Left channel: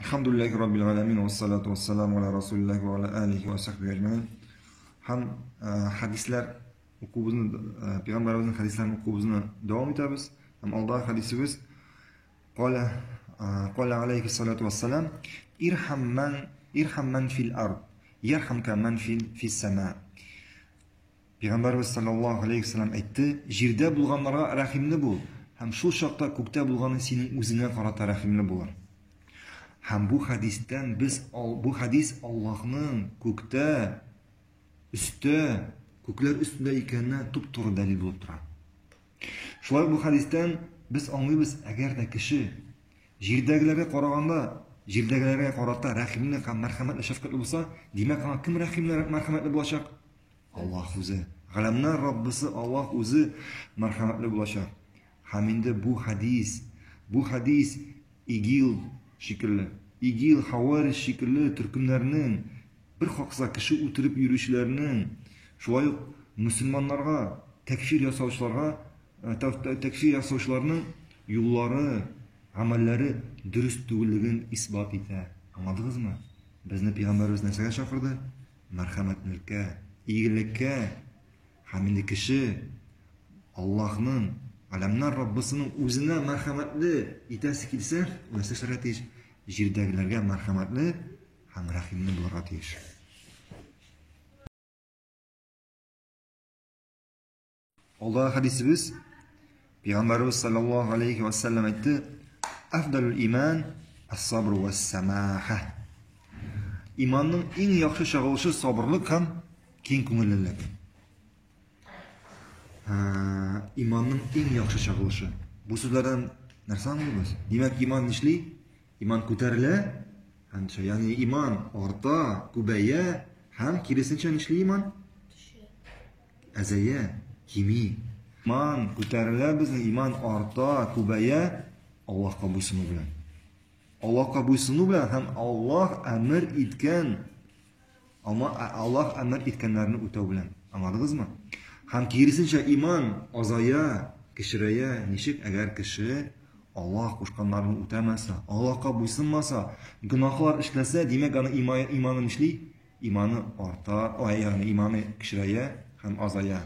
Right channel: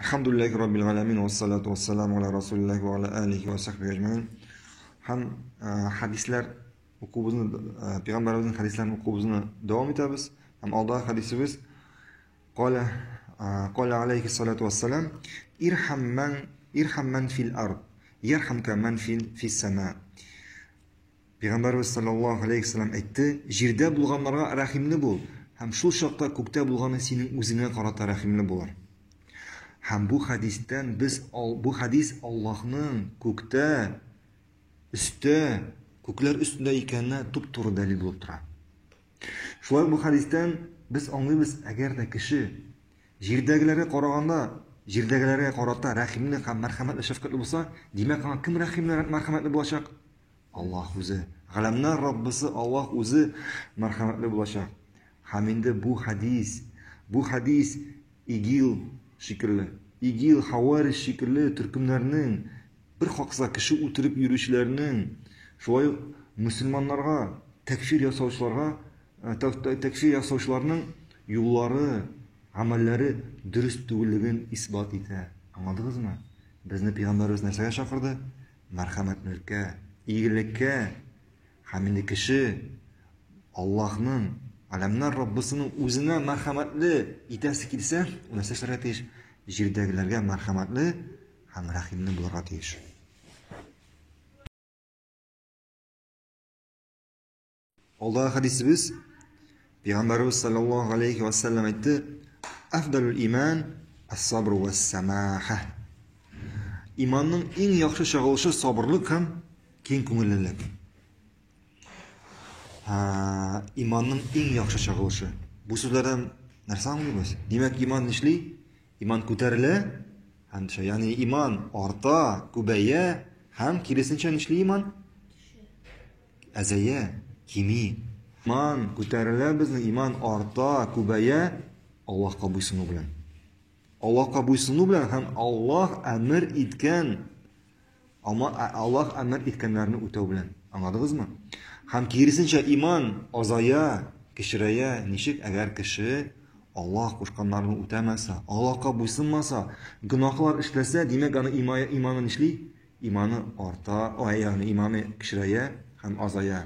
Alhamdulillahi Rabbil alamin ve salatu ve selamu ala Resulillah ve ala alihi ve sahbihi ecmaîn. Ham hadislar o'quvimizni, payg'ambarimizning hadislarini o'quvimizni davom etamiz. Ham oldingi hadisimiz qala alayhi salatu vassalam irham man fil ard yarhamka man fis sama. Payg'ambarimiz sallallohu alayhi vasallam aytdi, yerda bo'lganlarga rahimli bo'l, ham shu chaqda ko'kda bo'lgani sening o'zingga qarata rahimli bo'lar. Ham bu hadis Allohning ko'kda, ko'klar ustida ekanini to'p-to'g'ri dalil bo'lib turadi. Shunday bu hadisdan biz anglaymiz, agarda kishi yerdagilarga qaraganda, yerdagilarga qarata rahimli ham marhamatli shafqatli bo'lsa, demak kim rahimli marhamatli bo'lacak? Alloh o'zi. G'alamlar Robbisi Alloh o'zi marhamatli bo'lacak. Ham endi bu hadis İgil, Havariy shekilli turkumlarning bir hoqsa kishi o'tirib yurishlarining, shunday musulmonlarga takfir yasovchilarning yo'llari, amallari durust bo'lligini isbot etadi. Anladingizmi? Bizni payg'ambarimiz narsaga chaqirdi? Marhamatlikka, iyilikka. Hamda kishi Allohning, alamlar Robbisining o'zina marhamatli etasi kelsa, ular sizlarga tegish, yerdagilarga marhamatli ham rahimli bo'lishga tegish. Alloh hadisimiz payg'ambarimiz sallallohu alayhi vasallam aytdi: "Afdalul iman as-sabr was-samaha." Imonning eng yaxshi shag'ilishi sabrlik ham keng ko'ngillilik. İmanın eng yaxshi shag'ilishi. Bu so'zlardan narsa anlaymiz. Demak, iymon nishli? Iymon ko'tarila, hamcha, ya'ni iymon orta, ko'baya, ham kirisincha nishli iymon? Azaya, kimi. Iymon ko'tarila, bizning iymon orta, ko'baya Allohga bo'ysunu bilan. Allohga bo'ysunu bilan ham Alloh amr etganlarni o'taw bilan. Anladingizmi? Ham kirisincha iymon azaya, kishiraya, nishik agar kishi Alloh qo'shganlarini o'tamasa, Allohga bo'ysunmasa, gunohlar ishlasa, demak ana iymoni nishli? Iymoni orta, ya'ni iymoni kishiraya ham azaya.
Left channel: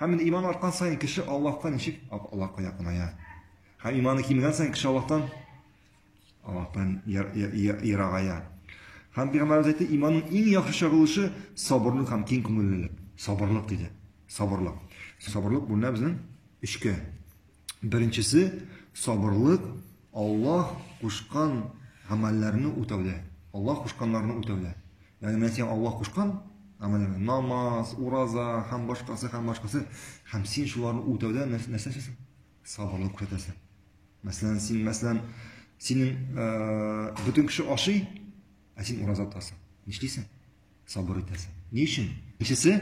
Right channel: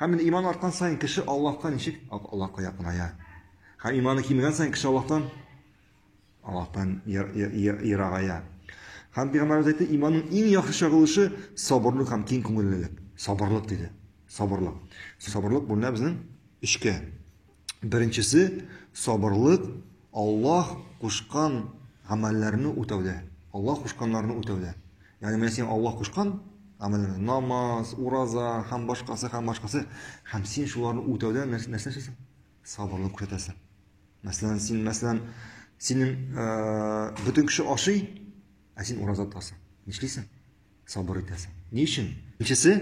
Ham iymon ortgan sayin kishi Allohga nishik? Allohga yaqinaya. Ham iymoni kimigan sayin kishi Allohdan yirag'aya. Ham payg'ambarimiz aytdi, iymonning eng yaxshi shag'ilishi sabrlik ham keng ko'ngillilik. Sabrlik dedi. Sabrlik bunlar bizning ishga. Birinchisi sabrlik Alloh qo'shgan amallarni o'tavda. Alloh qo'shganlarni o'tavda. Ya'ni men sen Alloh qo'shgan amallarni, namoz, uroza, ham boshqasi ham sen shularni o'tavda narsasan. Sabrlik ko'rsatasan. Masalan, sening butun kishi oshi, sen uroza tutasan. Nishlaysan? Sabr etasan. Ne uchun? Birinchisi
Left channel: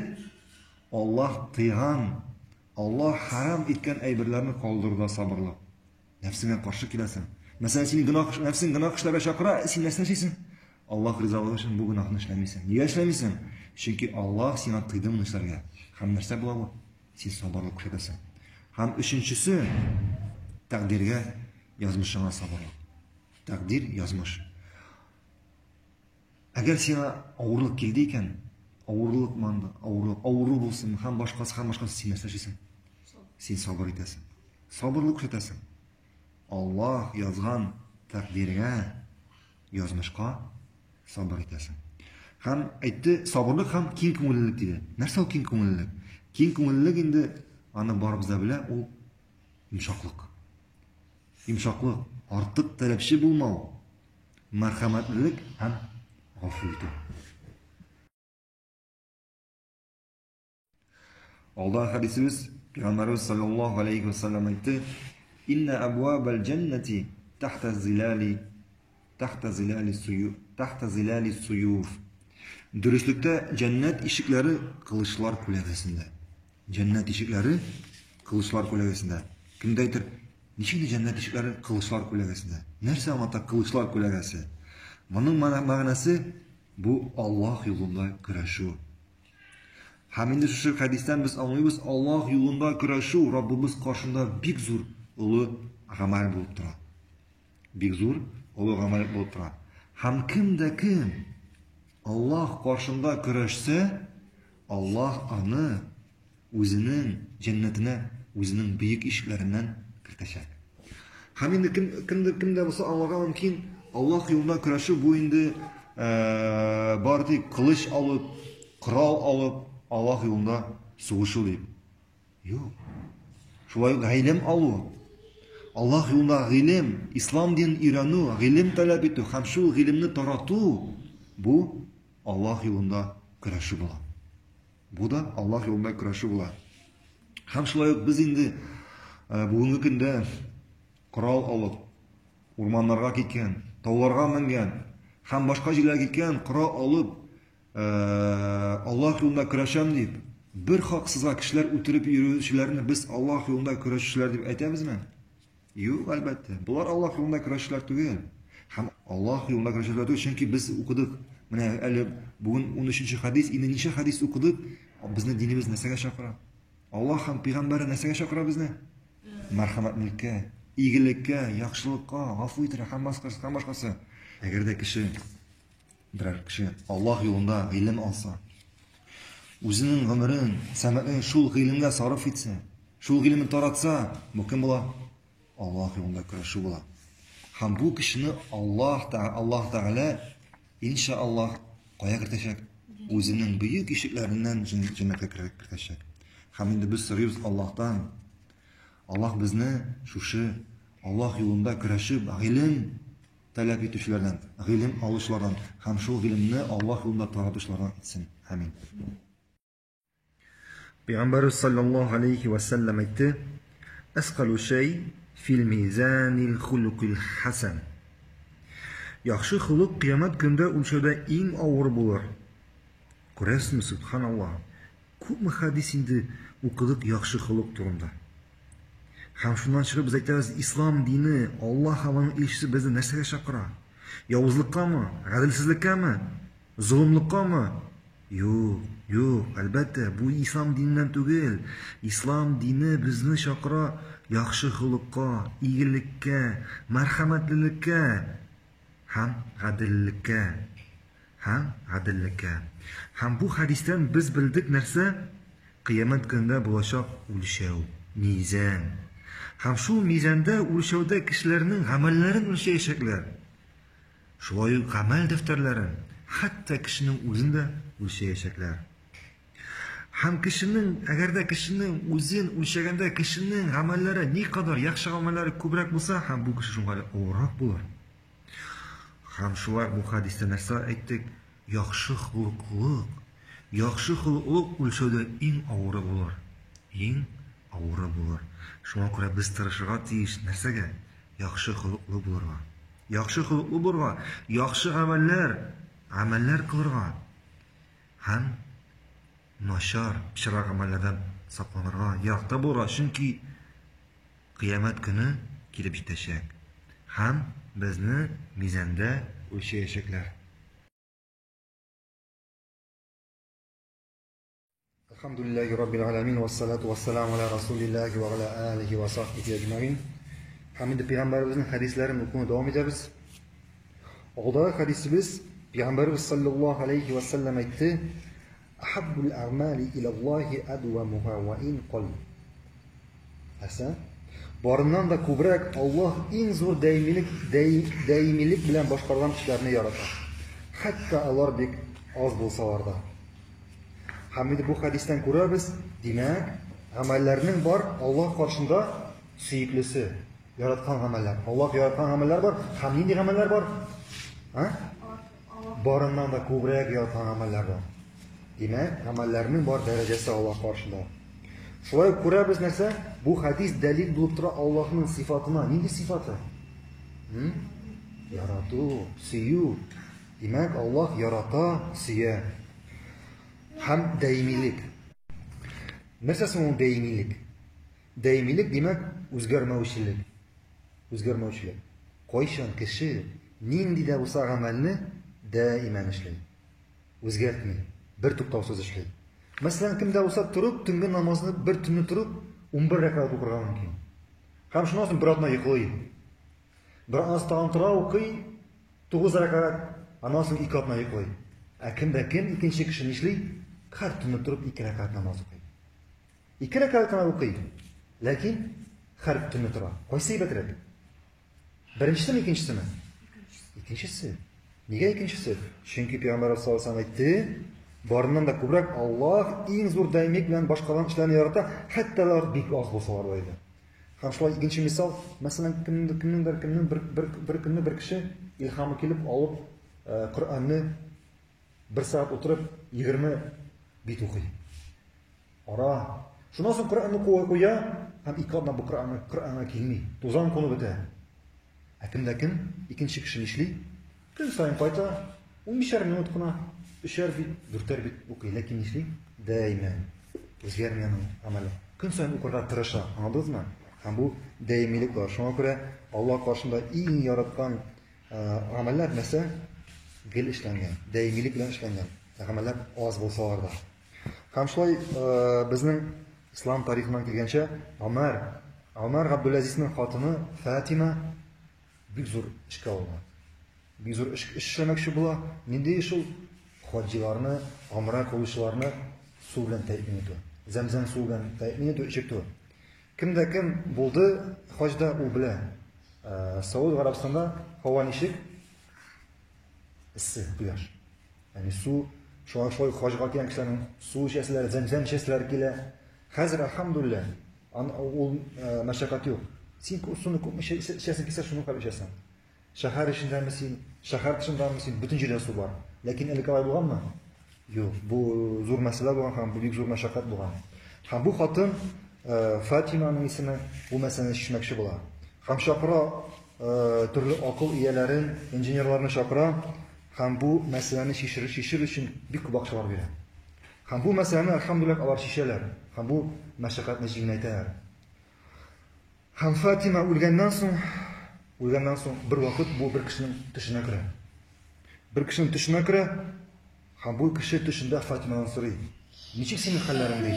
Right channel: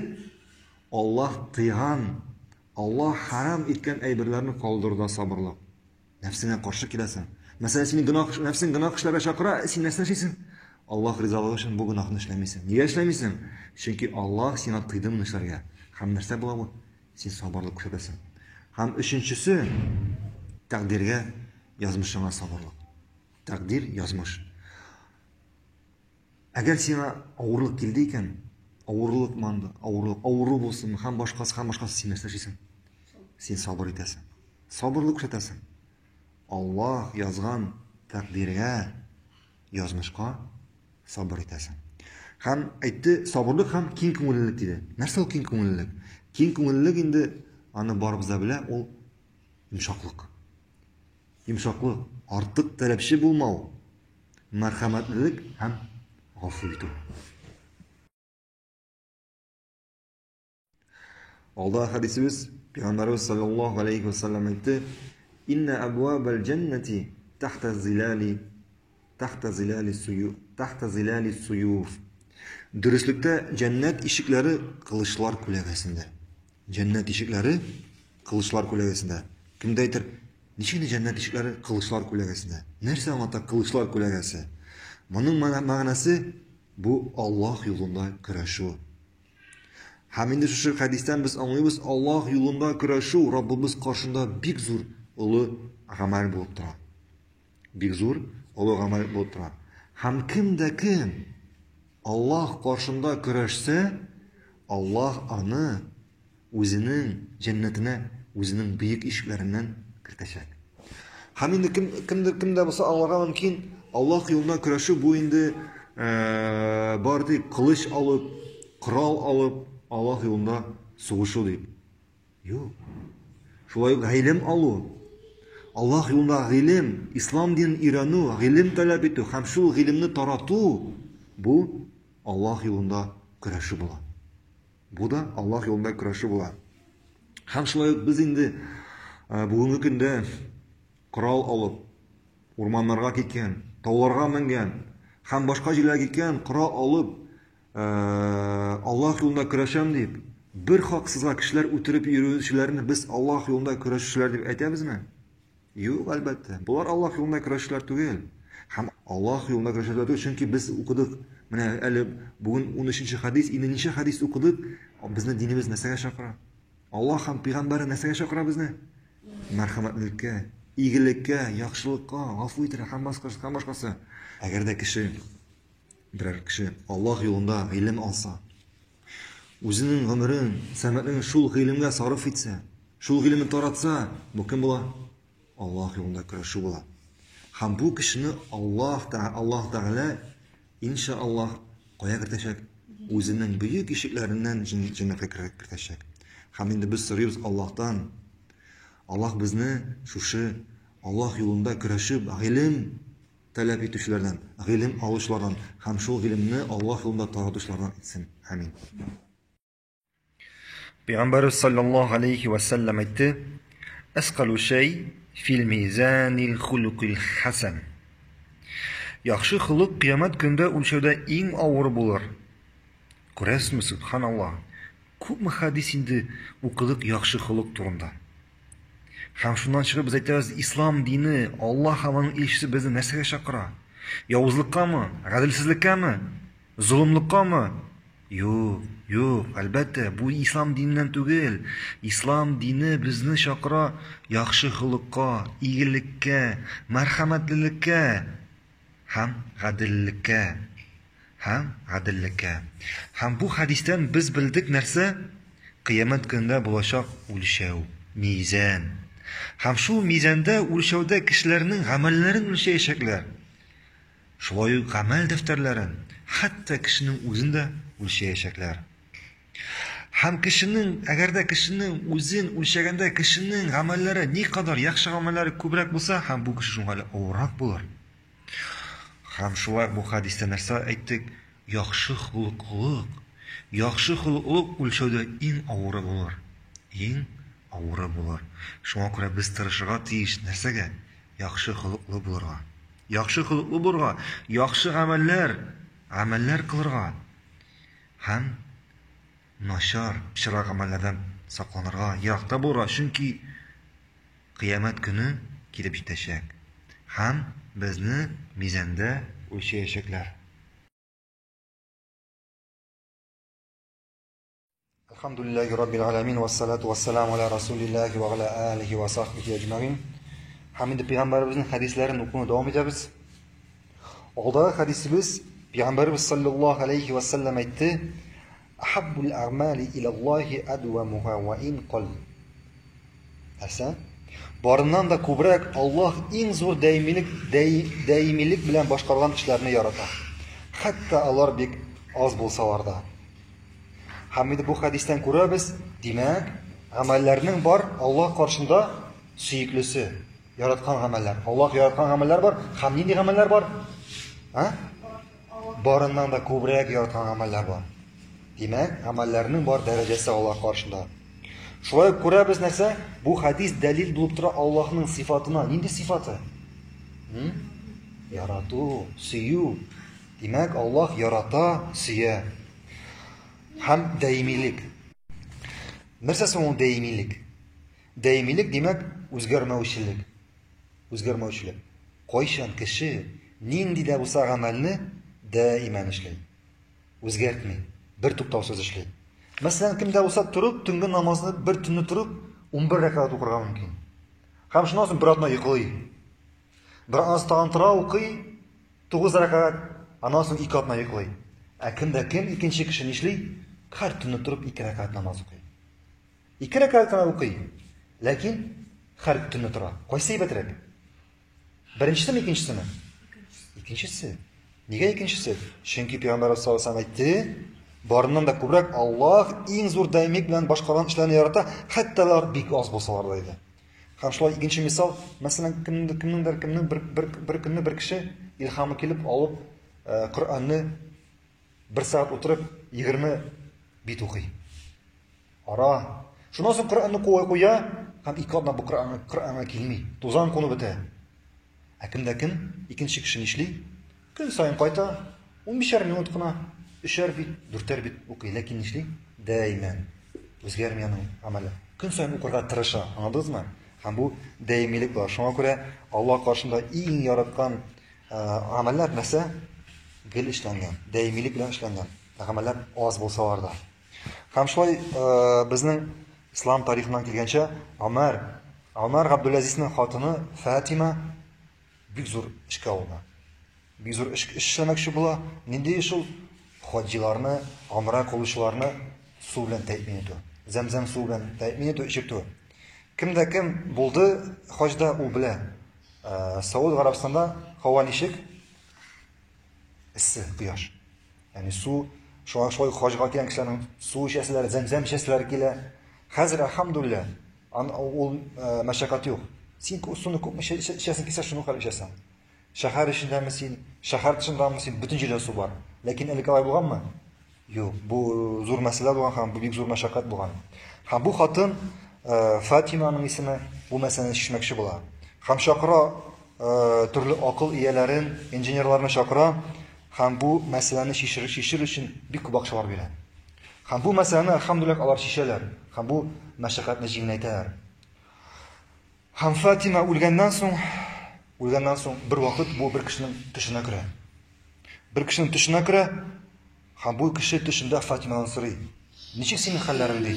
Allah tiygan, Allah haram etgan ayberlarni qoldirda sabrlik. Nafsingga qarshi kelasan. Masalan, seni nafsing gunoh ishlarga chaqira, sen narsa ishlaysan. Alloh rizoligi uchun bu gunohni ishlamaysan. Nega ishlamaysan? Chunki Alloh seni tiydi bu ishlarga. Ham narsa bo'ladi, sen sabrlik ko'rsatasan. Ham uchinchisi taqdirga yozmishingga sabrlik. Taqdir yozmish. Agar senga og'irlik keldi ekan, og'irlik bo'lsin, ham boshqasi sen narsa ishlaysan. Sen sabr etasan. Sabrlik ko'rsatasan. Alloh yozgan taqdirga yozmishqa sabr etasan. Ham aytdi, sabrlik ham keng ko'ngillilik dedi. Narsa u keng ko'ngillilik? Keng ko'ngillilik endi ana bor bizda bilan u yumshoqlik. Yumshoqlik, ortiq talabchi bo'lmau. Marhamatlilik ham g'afurlik. Alloh hadisimiz payg'ambarimiz sallallohu alayhi vasallam aytdi: "Inna abwabal jannati tahta zilali suyuf." Durustlikda jannat eshiklari qilichlar ko'lagasida. Jannat eshiklari qilichlar ko'lagasida. Kimda aytar? Nechini jannat eshiklari qilichlar ko'lagasida? Narsa ota qilichlar ko'lagasi? Buning ma'nosi bu Alloh yo'lida kurashuv. Hamda shu hadisdan biz anglaymiz, Alloh yo'lida kurashuv Robbimiz qarshida bek zo'r uli amal bo'lib turadi. Bek zo'r uli amal bo'lib turadi. Һәм кем Аллаһ каршында көрәшсә, Аллаһ аны үзенең җәннәтенә, үзенең бөек ишекләреннән кертәчәк. Һәм инде кемдә булса аңларга мөмкин, Аллаһ юлында көрәшү бу инде бар дип кылыч алып, корал алып, Аллаһ юлында сугышу дип. Юк. Шулай гыйлем алу. Аллаһ юлында гыйлем, ислам динен өйрәнү, гыйлем таләп итү һәм шул гыйлемне тарату, бу Аллаһ юлында көрәшү була. Бу да Аллаһ юлында көрәшү була. Һәм шулай без инде бүгенге көндә корал алып, урманнарга киткән, тауларга менгән, һәм башка җирләргә киткән, корал алып, Аллаһ юлында көрәшәм дип, бер хаксызга кешеләр үтереп йөрүчеләрне без Аллаһ юлында көрәшүчеләр дип әйтәбезме? Юк, әлбәттә. Булар Аллаһ юлында көрәшүчеләр түгел. Һәм Аллаһ юлында көрәшүчеләр түгел, чөнки без укыдык. Менә әле бүген 13-нче хадис, 20-нче хадис укыдык. Безне динебез нәрсәгә чакыра? Аллаһ һәм пәйгамбәре нәрсәгә чакыра безне? Мәрхәмәтлеккә, игелеккә, яхшылыкка, гафу итәргә һәм башкасы. Әгәр дә берәр кеше Аллаһ юлында гыйлем алса, үзенең гомерен, сәмәтен шул гыйлемгә сарыф итсә, шул гыйлемне таратса, бу кем була? Аллаһ юлында көрәшү була. Һәм бу кешене Аллаһ Тәгалә иншааллаһ кая кертәчәк? Үзенең бөек ишекләреннән җәннәткә кертәчәк. Һәм инде без сорыйбыз Аллаһтан. Аллаһ безне шушы Аллаһ юлында көрәшеп, гыйлем таләп итүчеләрдән, гыйлем алучылардан һәм шул гыйлемне Аллаһ юлында таратучылардан итсен. Амин. Пәйгамбәр саллаллаһу алейхи ва саллям әйтте: "Асқалу шәй фил мизанил хулуқил хасан." Яхшы хулук кыямәт көндә үлчәүдә иң авыр булыр. Күрәсезме, субханаллаһ, күпме хадис инде укыдык яхшы хулук турында. Һәм шуннан чыгып без әйтәбез, ислам дине, Аллаһ һәм аның илчесе безне нәрсәгә чакыра? Явызлыккамы, гаделсезлеккәме, зулымлыккамы? Юк, әлбәттә, бу ислам диненнән түгел. Ислам дине безне чакыра яхшы хулукка, игелеккә, мәрхәмәтлелеккә һәм гаделлеккә. Һәм бу хадистән без белдек нәрсә? Кыямәт көндә булачак үлчәү, мизан. Һәм шул мизанда үлчәүдә кешеләрнең гамәлләрен үлчәячәкләр. Шулай ук гамәл дәфтәрләрен, хәтта кешенең үзен дә үлчәячәкләр. Һәм әгәр дә кешенең үзен үлчәгәндә кешенең гамәлләре никадәр яхшы гамәлләре күбрәк булса, һәм бу кеше шуңа авыррак булыр. Һәм шулай бу хадистә нәрсә әйттек? Яхшы хулуклык үлчәүдә иң авыры булыр. Шуңа күрә без тырышырга тиеш нәрсәгә? Яхшы хулуклы булырга. Яхшы гамәлләр кылырга. Һәм начар, чирак гамәлләрдән сакланырга, яракта булырга, чөнки кыямәт көне килеп җитәчәк. Һәм безне мизанда үлчәячәкләр. Алхамдулиллаһи раббил аламин ва салату ва саламу аля расулиллаһи ва аля алихи ва сахбихи аҗмаин. Һәм инде пәйгамбәребезнең хадисләрен укуны дәвам итәбез. Алдагы хадисебез Пәйгамбәребез саллаллаһу алейхи ва саллям әйтте: "Ахаббул аъмали илаллаһи адвамуха ва ин қал." Әсән, барыннан да күбрәк Аллаһ иң зур даимилек белән башкарган эшләрне ярата. Хәтта алар бик аз булсалар да. Һәм инде бу хадистән күрәбез, димәк, гамәлләрнең бар Аллаһ каршында сөеклесе, яраткан гамәлләр. Аллаһ яраткан гамәлләр бар, һәм нинди гамәлләр бар? Барыннан да күбрәк яраткан гамәлләр бар. Димәк, гамәлләрнең бар дәрәҗәсе Аллаһ каршында. Шулай күрәбез нәрсә? Бу хадис дәлил булып тора Аллаһның сифатына. Нинди сифаты? Ярату, сөю. Димәк, Аллаһ ярата, сөя. Һәм даимилек. Нәрсә соң ул даимилек? Даимилек димәк үзгәрмәүчелек. Кайчан кеше нинди дә булса гамәлне даиман эшләй. Үзгәртми, бер туктаусыз эшләй. Мәсәлән, кемдә булса турып, төнге намазны бер төнне турып 11 рәкъәт укырга мөмкин. Һәм шуннан соң бер атна йоклый. Бер аз тагын тора укый, 9 рәкать, аннан соң 2 атна йоклый. Кем икенче кеше нишли? Һәр төнне торып 2 рәкать намаз укый. 2 рәкать кына укый. Ләкин һәр төнне тора. Кайсы әйбәтрәк? Беренчесеме, икенчесеме? Икенчесе. Нигә икенчесе? Чөнки Пәйгамбәр саллаллаһу алейһи ва сәллям әйтте, барыннан да күбрәк Аллаһ иң зур даимик белән башкарган эшләрне ярата, хәтта алар бик аз булсалар да иде. Һәм шулай икенче мисал, мәсәлән, кемнең бер көнне бер кеше илһамы килеп алып, Коръәнне 1 сәгать утырып 20 бит укый. Ара. Шуннан соң Коръәнне куя, һәм 2 атна бу Коръәнгә килми. Тузан куны бетә. Кем икенче кеше нишли? Көн сайын кайта, 15 минут кына 3 бит, 4 бит укый, ләкин нишли? Даиман. Үзгәрми аның амалы. Көн сайын укырга тырыша, аңладыңызмы? Һәм бу даимилек бар. Шуңа күрә Аллаһ каршында иң яраткан амаллар нәрсә? Гел эшләнгән, даимилек белән эшләнгән. Амаллар аз булсалар да. Һәм шулай безнең ислам тарихынан килгәнчә, Омар Габдулазизның хатыны Фатима бик зур эшкә алына. Бик зур эшләмәкче була. Нинди шул хаҗиларны, умра кылучыларны су белән тәэмин итү. Зәмзәм су белән тәэмин итү, ичертү. Кем булды хаҗда ул белә. Сауд Арабистанда һава ничек? Иссе, кояш. Ягъни су, шулай хаҗга килгән кешеләрнең су эчәселәр, зәмзәм эчәселәр килә. Хәзер алхамдулилlah, ул мәшәкать юк. Син суны күпме эчәсең килсә, шуны калып эчәсең. Шәһәр эчендәме син, шәһәр тышындамы син, бөтен җирдә су бар. Ләкин әлегә алай булганмы? Юк, бу зур мәсьәлә булган һәм бу бик зур мәшәкать булган. Һәм бу хатын Фатиманың исеме бу мәсьәләне чишмәкче була. Һәм чакыра төрле акыл ияләрен, инженерларны чакыра һәм бу мәсьәләне чишер өчен бик күп акчалар бирә. Һәм бу мәсьәләне алхамдулилlah алар чишәләр. Һәм бу мәшәкатьне җиңеләйтә. Һәм Фатима үлгәннән соң бер вакыт бу бер кешенең төшенә керә. Бер кешенең төшенә керә, һәм бу кеше төшендә Фатимадан сорый: "Ничек синең хәлләрең?" ди.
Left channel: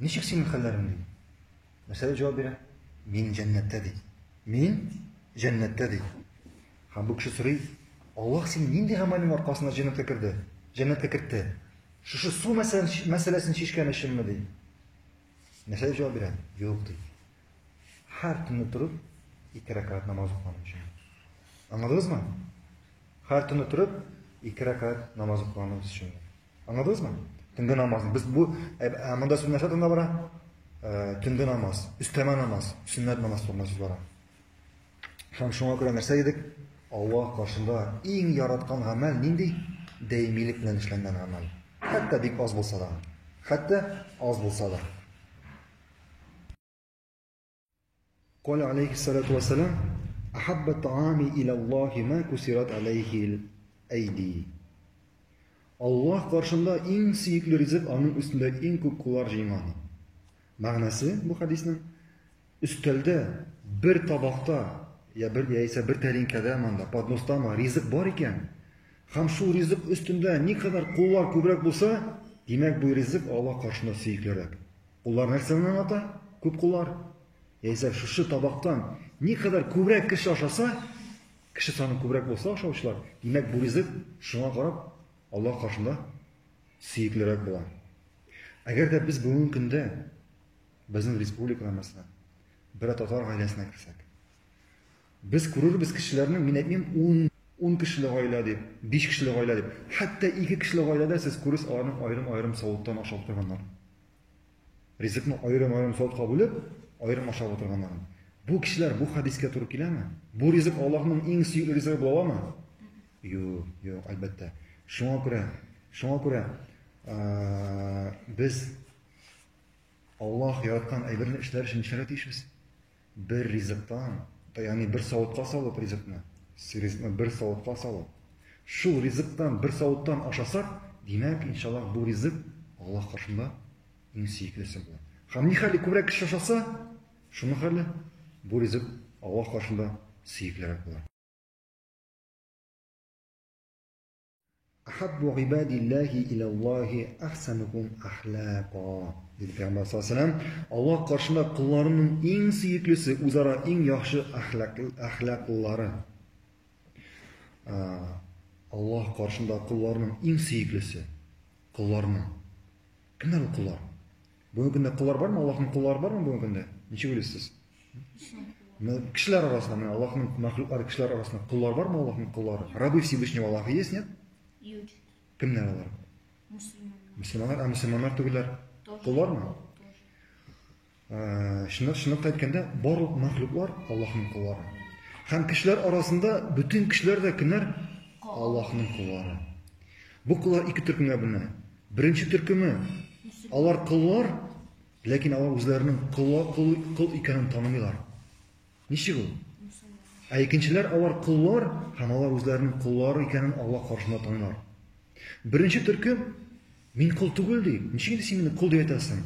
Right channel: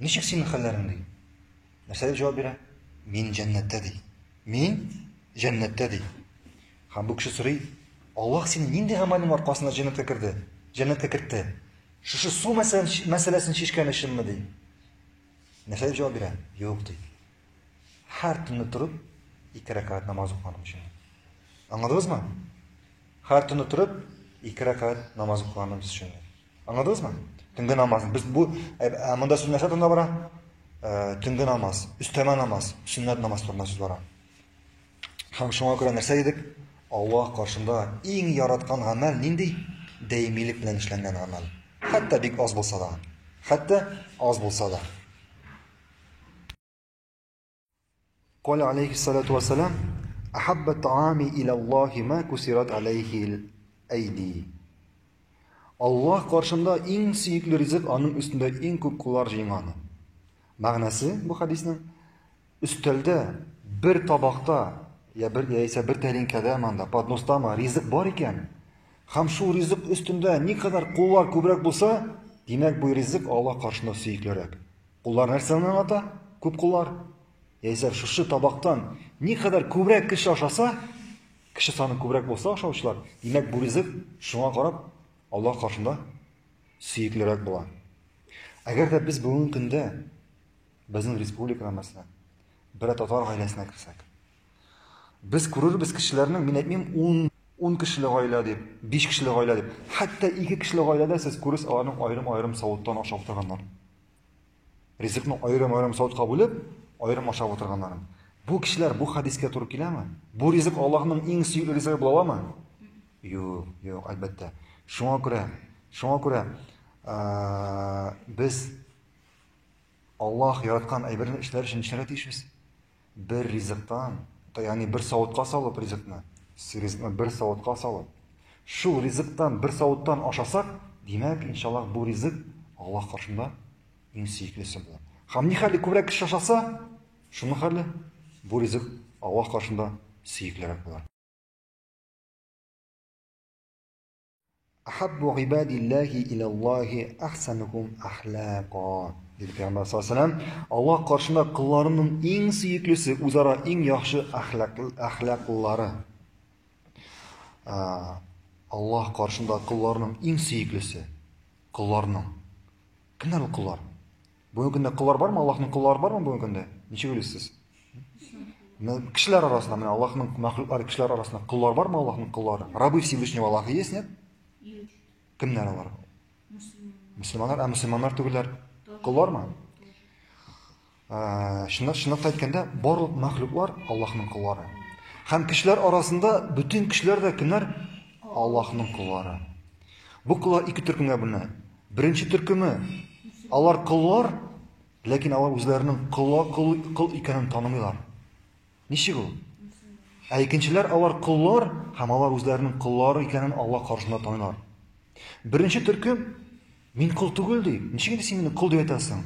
"Ничек синең хәлләрең?" ди. Нәрсә җавап бирә? "Мин җәннәттә" ди. "Мин җәннәттә" ди. Һәм бу кеше сорый: "Аллаһ сине нинди гамәлең аркасында җәннәткә кертте? Җәннәткә кертте? Шушы су мәсьәләсен чишкән өченме?" ди. Нәрсә җавап бирә? "Юк" ди. Һәр төнне торып 2 рәкать намаз укыган өчен. Аңладыңызмы? Һәр төнне торып 2 рәкать намаз укыган өчен. Аңладыңызмы? Төнге намаз. Без бу монда сүз нәрсә турында бара? Төнге намаз, өстәмә намаз, сөннәт намаз турында сүз бара. Һәм шуңа күрә нәрсә дидек? Аллаһ каршында иң яраткан гамәл нинди? Даимилек белән эшләнгән гамәл. Хәтта бик аз булса да. قال عليه الصلاة والسلام: أحب الطعام إلى الله ما كسرت عليه الأيدي. Allah karşında en süyüklü rızık onun üstünde en көп kullar жиңган. Мәгънәсе bu хадисның üstelde bir tabakta яисә bir тәлинкәдә манда подностама ризык бар икән. Һәм шул ризык өстендә никадәр куллар күбрәк булса, димәк бу ризык Аллаһ каршында сөйклерәк. Куллар нәрсәне аңлата? Күп куллар. Яисә шушы табактан никадәр күбрәк кеше ашаса, кеше саны күбрәк булса ашаучылар, димәк бу ризык шуңа карап Аллаһ каршында сөйклерәк була. Әгәр дә без бүгенге көндә безнең республикада мәсәлән бер татар гаиләсенә керсәк, без күрербез кешеләрнең, мин әйтмим, 10 кешелек гаилә дип, 5 кешелек гаилә дип, хәтта 2 кешелек гаиләдә сез күрәсез аларның аерым-аерым савыттан ашап утырганнар. Ризыкны аерым-аерым савытка бүлеп, аерым ашап утырганнар. Бу кешеләр бу хадискә туры киләме? Бу ризык Аллаһның иң сөйкле ризыгы була аламы? Юк, әлбәттә. Шуңа күрә без Аллаһ яраткан әйберне эшләр өчен эшләргә тиешбез. Бер ризыктан, ягъни бер савытка салып ризыкны, бер савытка салып, шул ризыктан бер савыттан ашасак, димәк, иншаллах, бу ризык Аллаһ каршында иң сөйклесе була. Һәм ни хәле күбрәк кеше ашаса, шуның хәле бу ризык Аллаһ каршында сөйклерәк була. أحب عباد الله إلى الله أحسنهم أخلاقا. Dedi Peygamber sallallahu aleyhi ve sellem, Allah karşında kullarının en süyüklüsü, uzara en yaxşı ahlaklıları. Аллаһ каршында кулларның иң сөеклесе. Кулларның. Кемнәр ул куллар? Бүгенге көндә куллар бармы? Аллаһның куллары бармы бүгенге көндә? Ничек белесез? Кешеләр арасында, менә Аллаһның мәхлуклары кешеләр арасында куллар бармы Аллаһның куллары? Раббы Всевышнего Аллаһ есть, нет? Юд. Кемнәр алар? Мөселманнар, мөселманнар түгелләр. Куллармы? Шундый әйткәндә, барлык мәхлуклар Аллаһның куллары. Һәм кешеләр арасында бүтән кешеләр дә кемнәр? Аллаһның куллары. Бу куллар ике төркемгә бүленә. Беренче төркеме алар куллар, ләкин алар үзләренең кул икәнен танымыйлар. Ничек ул? Икенчеләр алар куллар, һәм алар үзләренең куллары икәнен Аллаһ каршында таныйлар. Беренче төркем мин кул түгел ди. Ничек син мине кул дип әйтәсең?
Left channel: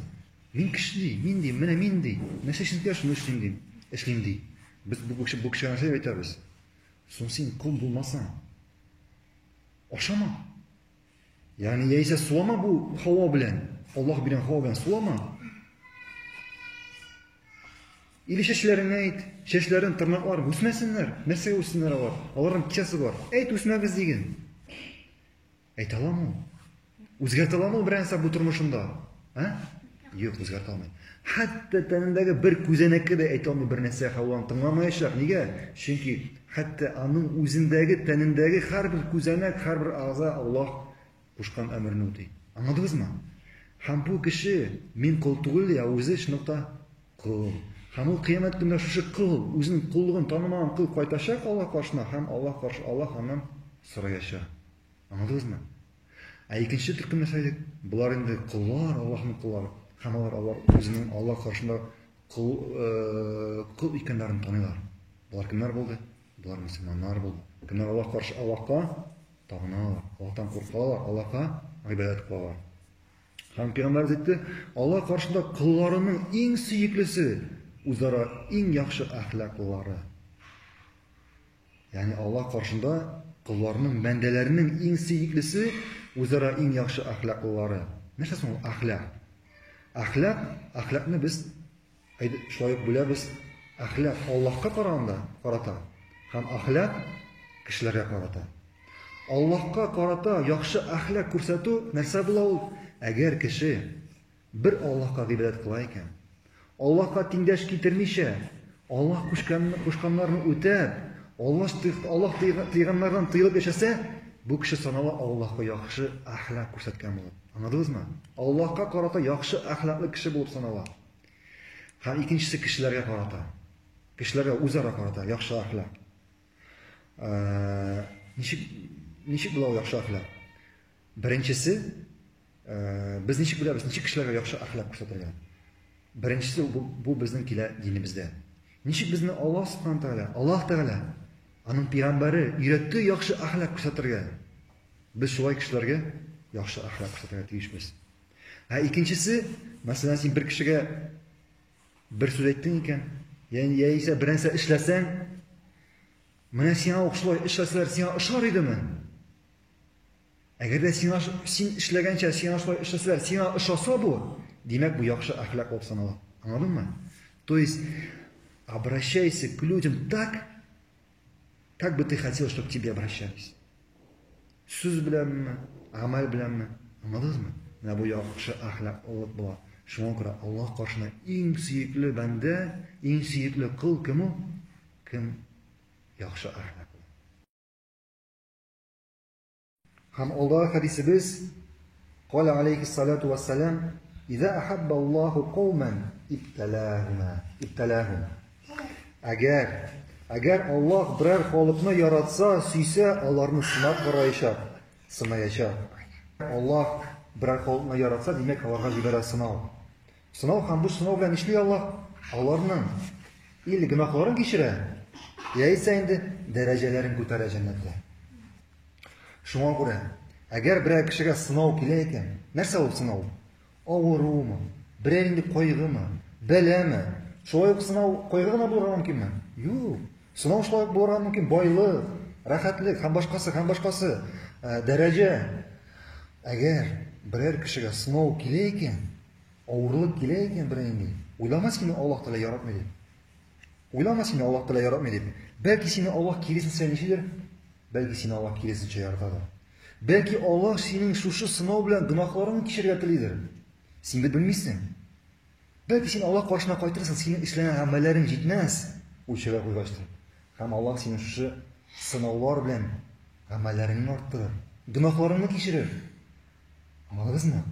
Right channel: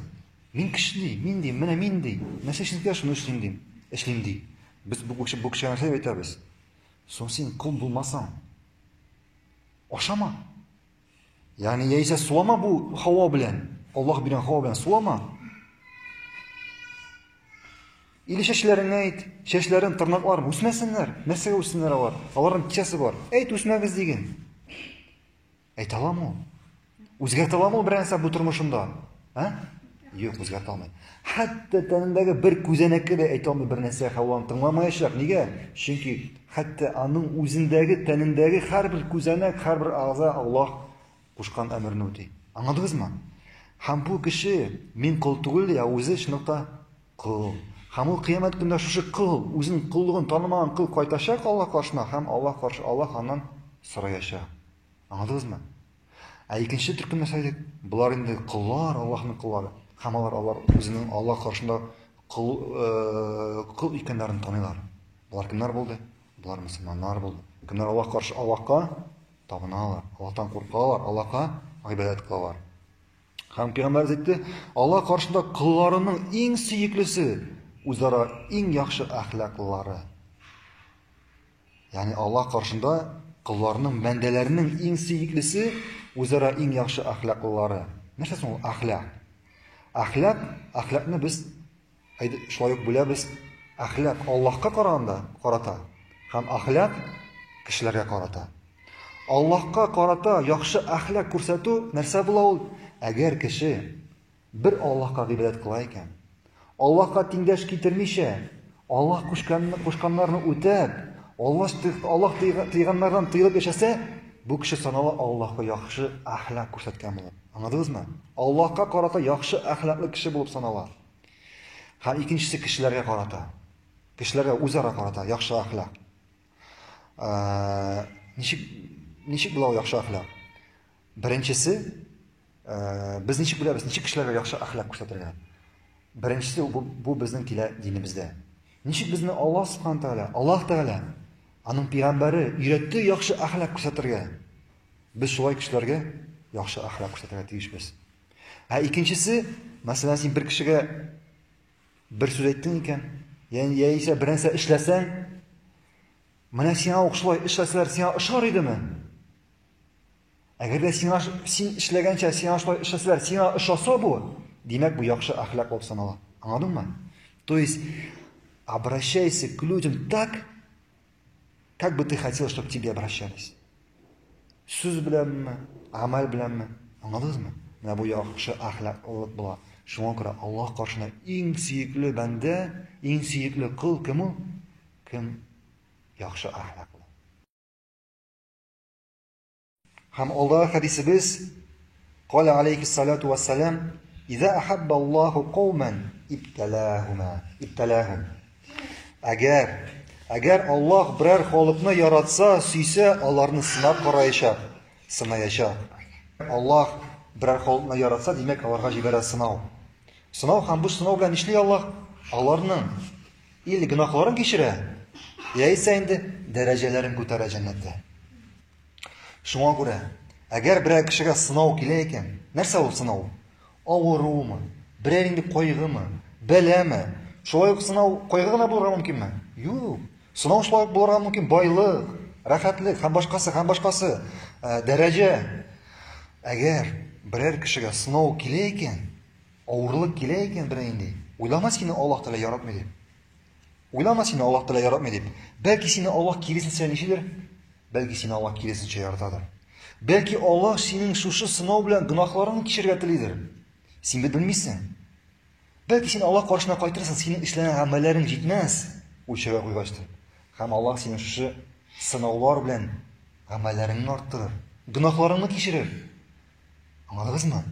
Мин кеше ди, мин ди, менә мин ди. Нәрсә эшләргә шуны эшлим ди. Эшлим ди. Без бу кешегә нәрсә әйтәбез? Соң син кул булмасаң, ашама. Yani яисә сулама бу Хава белән. Аллаһ белән Хава белән сулама. Или чәчләреңне әйт, чәчләрен, тырнакларын үсмәсеннәр. Нәрсәгә үссеннәр алар? Аларның кичәсе бар. Әйт үсмәбез диген. Әйт аламы? Үзгәртә аламы берәрсә бу тормышында? Юк, үзгәртә алмый. Хәтта тәнендәге бер күзәнәккә дә әйтә алмый бер нәрсә Хаваны тыңламаячак. Нигә? Чөнки хәтта аның үзендәге, тәнендәге һәрбер күзәнәк, һәрбер агъза Аллаһ кушкан әмерне үти. Аңладыгызмы? Һәм бу кеше мин кул түгел, я үзе шуныкта кул. Һәм ул кыямәт көндә шушы кул, үзенең куллыгын танымаган кул кайтачак Аллаһ каршына, һәм Аллаһ каршы Аллаһ аннан сораячак. Аңладыгызмы? Икенче төркем мәсәле, булар инде куллар, Аллаһның куллары. Һәм алар үзенең Аллаһ каршында кул икәннәрен таныйлар. Булар кемнәр булды? Булар мөселманнар булды. Кемнәр Аллаһ каршы Аллаһка табыналар, Аллаһтан куркалар, Аллаһка гыйбадәт кылалар. Һәм Пәйгамбәр әйтте, Аллаһ каршында кулларының иң сөеклесе үзара иң яхшы әхлаклылары. Ягъни Аллаһ каршында кулларның, бәндәләренең иң сөеклесе үзара иң яхшы әхлаклылары. Нәрсә соң ул әхлак? Әхлакны без шулай ук бүләбез. Әхлак Аллаһка карата һәм әхлак кешеләргә карата. Аллаһка карата яхшы әхлак күрсәтү нәрсә була ул? Әгәр кеше бер Аллаһка гыйбадәт кыла икән, Аллаһка тиңдәш китермичә, Аллаһ кушканнарны үтәп, Аллаһ тыйганнардан тыелып яшәсә, бу кеше санала Аллаһка яхшы әхлак күрсәткән булыр. Аңладыгызмы? Аллаһка карата яхшы әхлаклы кеше булып санала. Һәм икенчесе кешеләргә карата. Кешеләргә үзара карата яхшы әхлак. Ничек була яхшы әхлак? Беренчесе, без ничек беләбез, ничек кешеләргә яхшы әхлак күрсәтергә? Беренчесе бу безнең динебездә. Ничек безне Аллаһ Субхану Тәгалә, Аллаһ Тәгалә аның пәйгамбәре өйрәтте яхшы әхлак күрсәтергә. Без шулай кешеләргә яхшы әхлак күрсәтергә тиешбез. Икенчесе, мәсәлән, син бер кешегә бер сүз әйттең икән, яисә бернәрсә эшләсәң, менә сиңа шулай эшләсәләр, сиңа ошар идеме? Әгәр дә син эшләгәнчә сиңа шулай эшләсәләр, сиңа ошаса бу, димәк бу яхшы әхлак булып санала. Аңладыңмы? То есть обращайся к людям так, как бы ты хотел, чтобы к тебе обращались. Сүз беләнме, амал беләнме? Аңладыңызмы? Менә бу яхшы әхлаклылык була. Шуңа күрә Аллаһ каршына иң сөекле бәндә, иң сөекле кул кем ул? Кем яхшы әхлаклы. Һәм алда хадисебез قال عليه الصلاة والسلام إذا أحب الله قوما ابتلاهم. Әгәр Аллаһ берәр халыкны яратса, сөйсә, аларны сынап караячак, сынаячак. Аллаһ берәр халыкны яратса, димәк, аларга җибәрә сынау. Сынау һәм бу сынау белән эшли Аллаһ аларның ил гөнаһларын кичерә. Яисә инде дәрәҗәләрен күтәрә җәннәттә. Шуңа күрә, әгәр берәр кешегә сынау килә икән, нәрсә ул сынау? Авырумы, берәр инде кайгымы, бәләме? Шулай ук сынау кайгы гына булырга мөмкинме? Юк. Сынау шулай ук булырга мөмкин байлык, рәхәтлек һәм башкасы, дәрәҗә. Әгәр берәр кешегә сынау килә икән, авырлык килә икән берәр инде, уйлама сине Аллаһ Тәгалә яратмый дип. Уйлама сине Аллаһ Тәгалә яратмый дип. Бәлки сине Аллаһ киресенчә ничедер Бәлки сине Аллах киресенчә яратадыр. Бәлки Аллах синең шушы сынау белән гөнаһларыңны кичерергә телидер. Син бит белмисең. Бәлки син Аллах каршына кайтырсың, синең эшләгән гамәлләрең җитмәс. Уйчыга куйгачтыр. Һәм Аллах синең шушы сынаулар белән гамәлләреңне арттырыр. Гөнаһларыңны кичерер. Аңладыгызмы?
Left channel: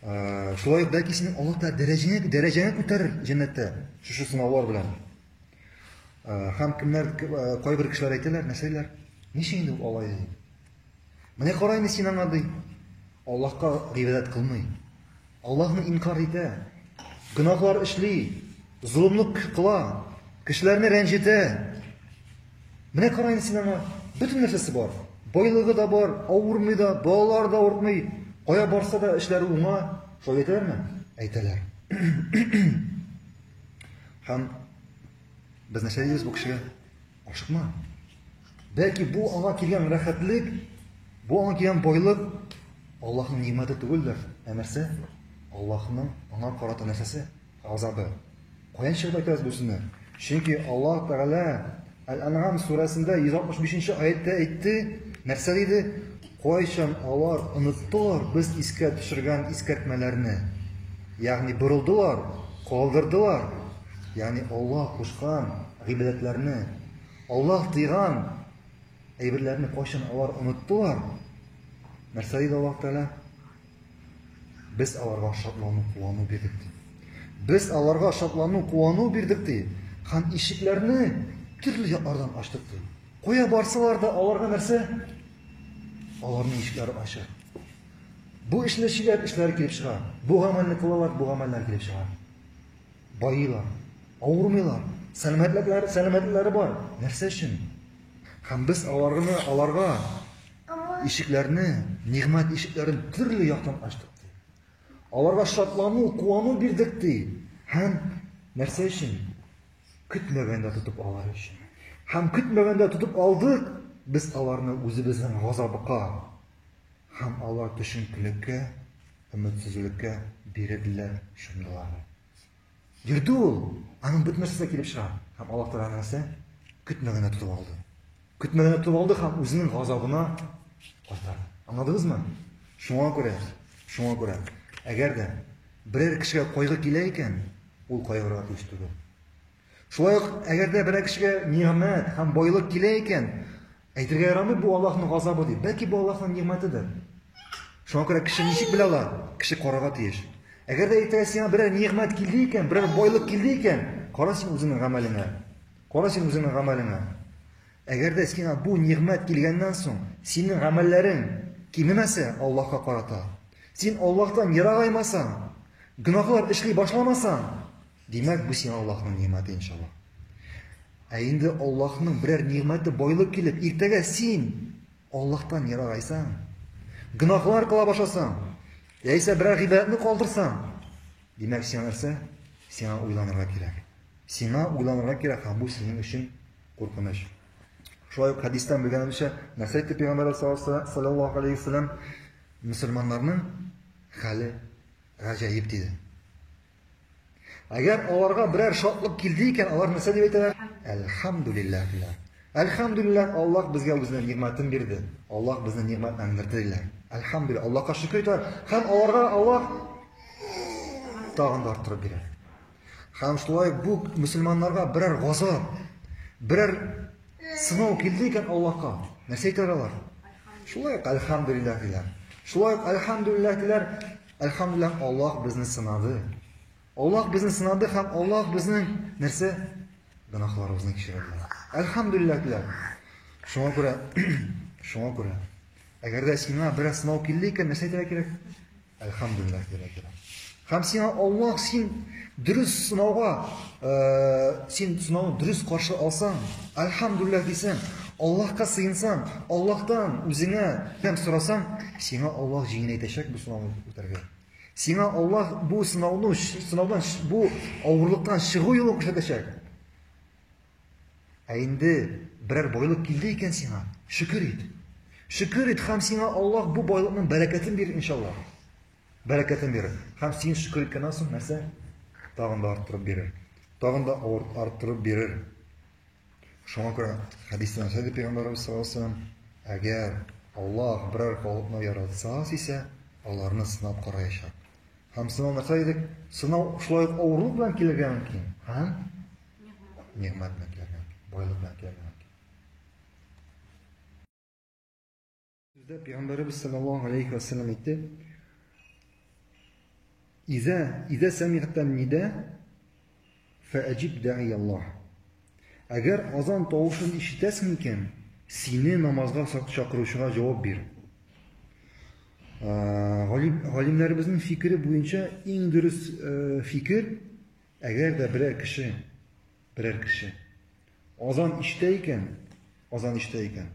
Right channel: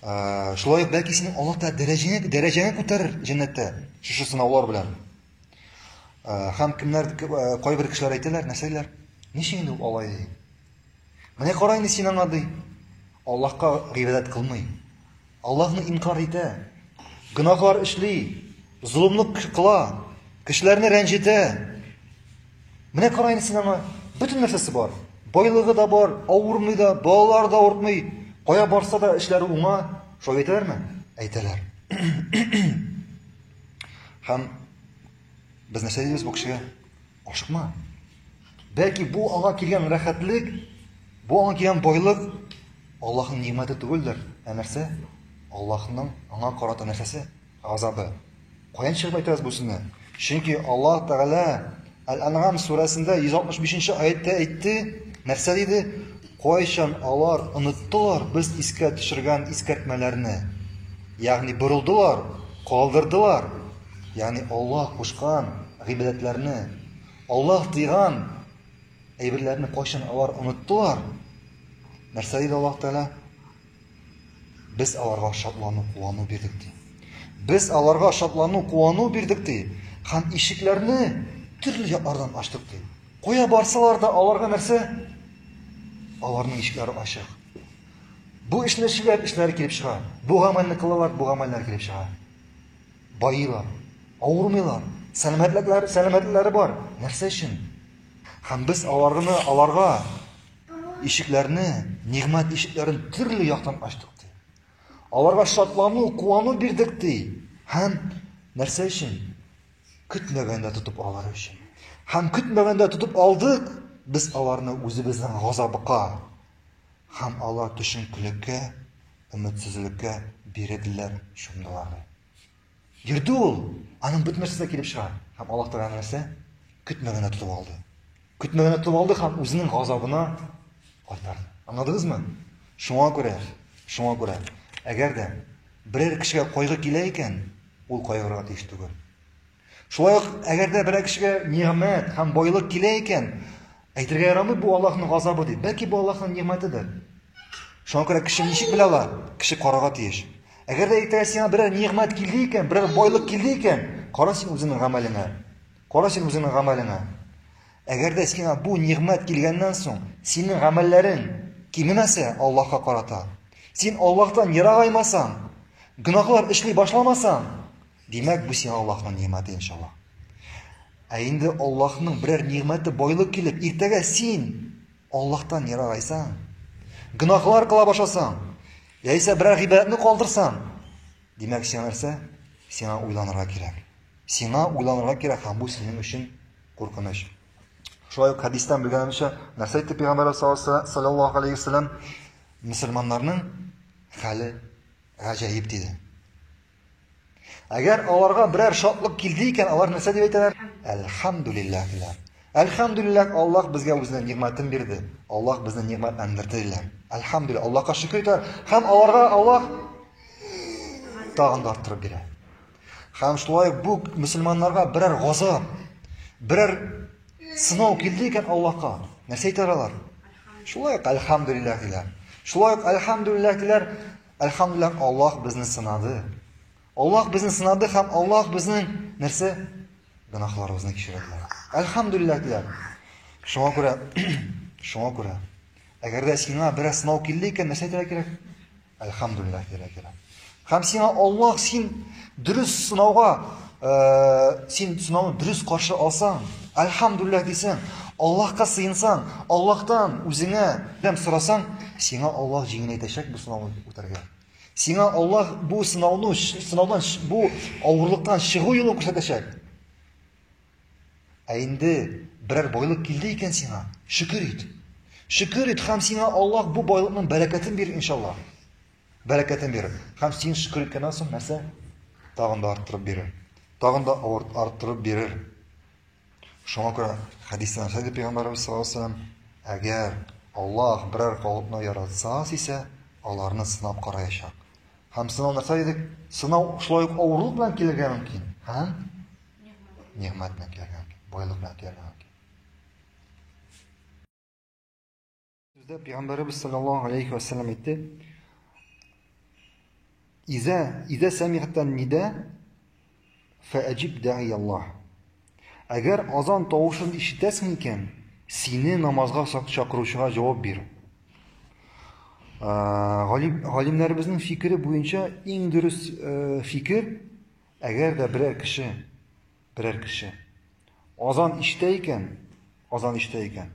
Шулай ук бәлки синең Аллах та дәрәҗәңне күтәрер җәннәттә шушы сынаулар белән. Һәм кайбер кешеләр әйтәләр, нәрсәләр? Ничә инде ул алай ди? Менә кара инде син аңа ди. Аллаһка гыйбадәт кылмый. Аллаһны инкар итә. Гөнаһлар эшли, зулымлык кыла, кешеләрне рәнҗетә. Менә кара инде син аңа бөтен нәрсәсе бар. Байлыгы да бар, авырмый да, балалар да авыртмый. Кая барса да эшләре уңа. Шулай әйтәләрме? Әйтәләр. Һәм без нәрсә дибез бу кешегә? Ашыкма. Бәлки бу аңа килгән рәхәтлек, бу аңа килгән байлык Аллаһның нимәте түгелдер. Ә нәрсә? Аллаһның аңа карата нәрсәсе? Азабы. Каян чыгып әйтәбез бу сүзне? Чөнки Аллаһ Тәгалә Әл-Ан'ам сүрәсендә 165-нче аятта әйтте, нәрсә диде? Кайчан алар оныттылар без искә төшергән искәртмәләрне. Ягъни борылдылар, калдырдылар. Ягъни Аллаһ кушкан гыйбадәтләрне, Аллаһ тыйган әйберләрне кайчан алар оныттылар. Нәрсә диде Аллаһ Тәгалә? Без аларга шатлану, куану бирдек ди. Без аларга шатлану, куану бирдек ди. Һәм ишекләрне төрле яклардан ачтык ди. Кая барсалар да аларга нәрсә? Аларның ишекләре ачык. Бу эшләшүләр эшләре килеп чыга. Бу гамәлне кылалар, бу гамәлләр килеп чыга. Байылар, авырмыйлар, сәламәтләре бар. Нәрсә өчен? Һәм без аларга ишекләрне, нигъмәт ишекләрен төрле яктан ачтык ди. Аларга шатлану, куану бирдек ди. Һәм нәрсә өчен? Көтмәгәндә тотып алар өчен. Һәм көтмәгәндә тотып алдык, без аларны үзебезнең газабыга һәм алар төшенкелеккә, өметсезлеккә бирделәр шундайлар. Йөрде ул, аның бетмәсенә килеп чыга. Һәм Аллаһ Тәгалә нәрсә? Көтмәгәндә тотып алды. Көтмәгәндә тотып алды һәм үзенең газабына кайтарды. Аңладыгызмы? Шуңа күрә, әгәр дә берәр кешегә кайгы килә икән, ул кайгырга тиеш түгел. Шулай ук әгәр дә берәр кешегә ниғмәт һәм байлык килә икән, әйтергә ярамый бу Аллаһның газабы ди. Бәлки бу Аллаһның ниғмәтедер. Шуңа күрә кеше ничек белә алар? Кеше карарга тиеш. Әгәр дә әйтә сиңа берәр ниғмәт килде икән, берәр байлык килде икән, кара син үзеңнең гамәлеңә. Әгәр дә сиңа бу ниғмәт килгәннән соң, синең гамәлләрең кимемәсә Аллаһка карата, син Аллаһтан ерагаймасаң, гөнаһлар эшли башламасаң, димәк бу сиңа Аллаһның ниғмәте иншаллах. Ә инде Аллаһның берәр ниғмәте байлык килеп, иртәгә син Аллаһтан ерагайсаң, гөнаһлар кыла башласаң, яисә берәр гыйбадәтне калдырсаң, димәк сиңа нәрсә? Сиңа уйланырга кирәк. Һәм бу синең өчен куркыныч. Шулай ук хадистан белгәнебезчә, нәрсә әйтте Пәйгамбәр саллаллаһу алейхи ва саллям? Мөселманнарның хәле гаҗәеп диде. Әгәр аларга берәр шатлык килде икән, алар нәрсә дип әйтәләр? Әлхәмдүлиллаһ. Әлхәмдүлиллаһ, Аллаһ безгә үзенең ниғмәтен бирде. Аллаһ безне ниғмәтләндерде диләр. Әлхәмдүлиллаһ, Аллаһка шөкр итәләр. Һәм аларга Аллаһ тагын да арттырып бирә. Һәм шулай бу мөселманнарга берәр газап, берәр сынау килде икән Аллаһка, нәрсә әйтәләр алар? Шулай ук әлхәмдүлиллаһ диләр. Әлхәмдүлиллаһ, Аллаһ безне сынады. Аллаһ безне сынады һәм Аллаһ безнең нәрсә? Гөнаһларыбызны кичерде. Әлхәмдүлиллаһ диләр. Шуңа күрә, әгәр дә сиңа берәр сынау килде икән, нәрсә әйтергә кирәк? Әлхәмдүлиллаһ диләргә кирәк. Һәм сиңа Аллаһ син дөрес сынауга, син сынауны дөрес каршы алсаң, әлхәмдүлиллаһ дисәң, Аллаһка сыйынсаң, Аллаһтан үзеңә ярдәм сорасаң, сиңа Аллаһ җиңеләйтәчәк бу сынауны үтәргә. Сиңа Аллаһ бу сынаудан, бу авырлыктан чыгу юлын күрсәтәчәк. Ә инде берәр байлык килде икән сиңа, шөкер ит. Һәм сиңа Аллаһ бу байлыкның бәрәкәтен бирер иншаллах. Һәм син шөкер иткәннән соң нәрсә? Тагын да арттырып бирер. Шуңа күрә хадистә Пәйгамбәрбез саллаллаһу алейхи ва саллям Әгәр Аллаһ берәр халыкны яратса исә, аларны сынап караячак. Һәм сынау нәрсә дидек? Сынау шулай ук авырлык белән килергә мөмкин. Һәм нигъмәт белән килергә мөмкин. Байлык белән килергә мөмкин. Бездә Пәйгамбәрбез саллаллаһу алейхи ва саллям әйтте: "Иза сами'тан нида фа'аҗиб да'i Аллаһ." Әгәр азан тавышын ишетәсең икән, сине намазга чакыручыга җавап бир. Галимнәребезнең фикере буенча иң дөрес фикер, әгәр дә берәр кеше азан ишетә икән,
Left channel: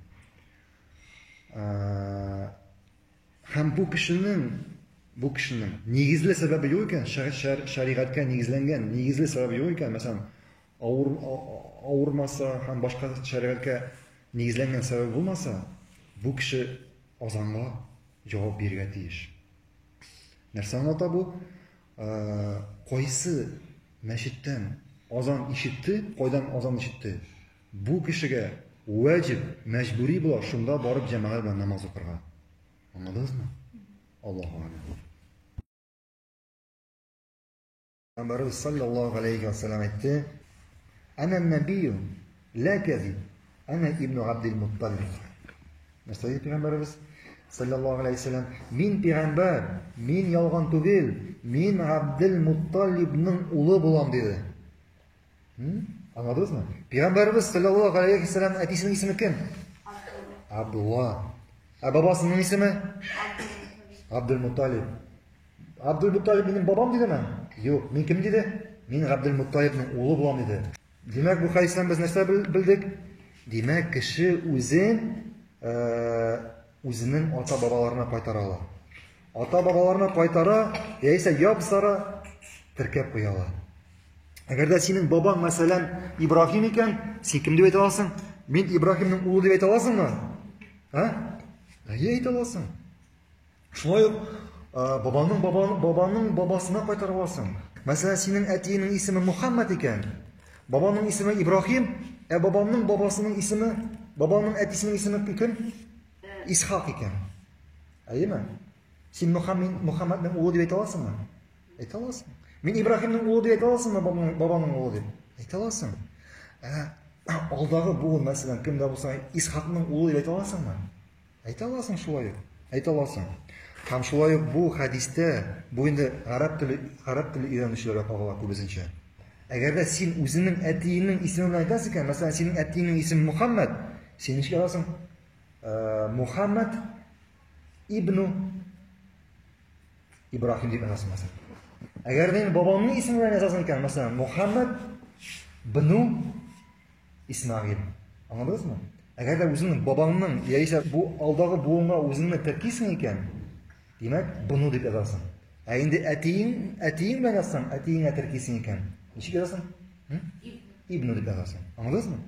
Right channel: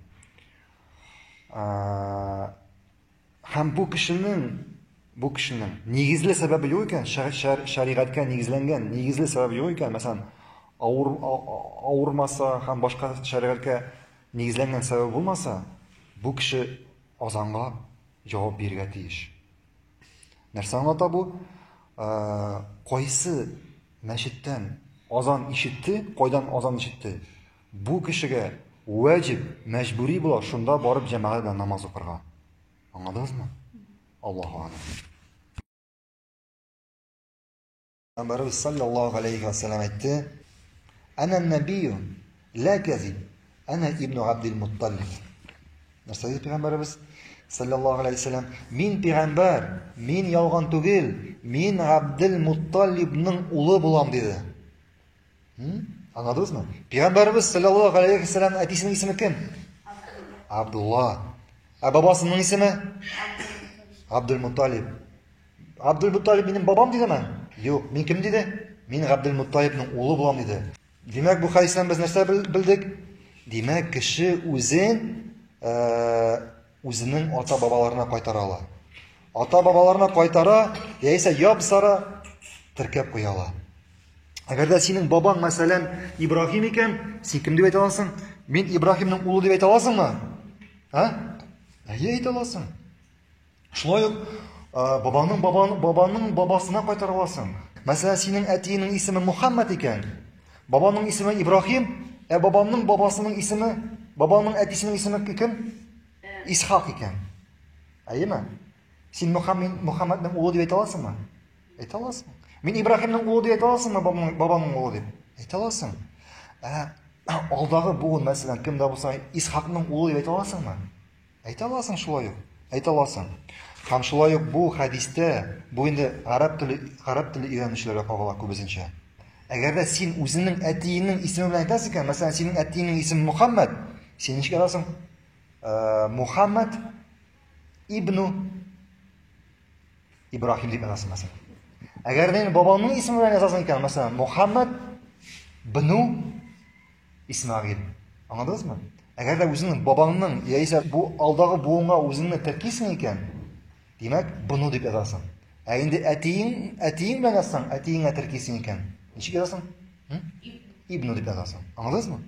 һәм бу кешенең нигезле сәбәбе юк икән, шәригатькә нигезләнгән нигезле сәбәбе юк икән, мәсәлән, авырмаса һәм башка шәригатькә нигезләнгән сәбәп булмаса, бу кеше азанга җавап бирергә тиеш. Нәрсә аңлата бу? Кайсы мәчеттән азан ишетте, кайдан азан ишетте? Бу кешегә ваҗиб, мәҗбүри була шунда барып җәмәгать белән намаз укырга. Аңладыңызмы? Аллаһу а'лам. Пәйгамбәрбез саллаллаһу алейхи ва саллям әйтте: "Ана набию ла казиб, ана ибн Абдул Мутталиб." Нәрсә диде Пәйгамбәрбез саллаллаһу алейхи ва саллям? Мин пәйгамбәр, мин ялган түгел, мин Абдул Мутталибның улы булам диде. Аңладыңызмы? Пәйгамбәрбез саллаллаһу алейхи ва саллям әтисенең исеме кем? Абдулла. Бабасының исеме? Абдул Мутталиб. Абдул Мутталиб минем бабам дидеме? Юк, мин кем диде? Мин Абдул Мутталибның улы булам диде. Димәк, бу хадистан без нәрсә белдек? Димәк, кеше үзенең ата-бабаларына кайтара ала. Ата-бабаларына кайтара, яисә ябсара теркәп куя ала. Әгәр дә синең бабаң, мәсәлән, Ибраһим икән, син кем дип әйтә аласың? Мин Ибраһимның улы дип әйтә аласыңмы? Әйе, әйтә аласың. Шулай ук бабаның бабасына кайтара аласың. Мәсәлән, синең әтиеңнең исеме Мухаммад икән, бабаның исеме Ибраһим, бабаның бабасының исеме, бабаның әтисенең исеме кем? Исхак икән. Әйеме? Син Мухаммадның улы дип әйтә аласыңмы? Әйтә аласың. Мин Ибраһимның улы дип әйтә аласыңмы, бабаның улы дип? Әйтә аласың. Алдагы буын, мәсәлән, кем дә булса, Исхакның улы дип әйтә аласыңмы? Әйтә аласың шулай ук. Әйтә аласың. Һәм шулай ук бу хадистә, бу инде араб теле өйрәнүчеләргә кагыла күбесенчә. Әгәр дә син үзеңнең әтиеңнең исеме белән әйтәсең икән, мәсәлән, синең әтиеңнең исеме Мухаммад, син ничек әйтәсең? Мухаммад ибну Ибраһим дип әйтәсең, мәсәлән. Әгәр дә бабаңның исеме белән язасың икән, мәсәлән, Мухаммад бну Исмаил. Аңладыңызмы? Әгәр дә үзеңнең бабаңның, яисә бу алдагы буынга үзеңне тәркисең икән, димәк, бну дип язасың. Инде әтиең белән язсаң, әтиеңә тәркисең икән, ничек язасың? Ибну дип язасың. Аңладыңызмы?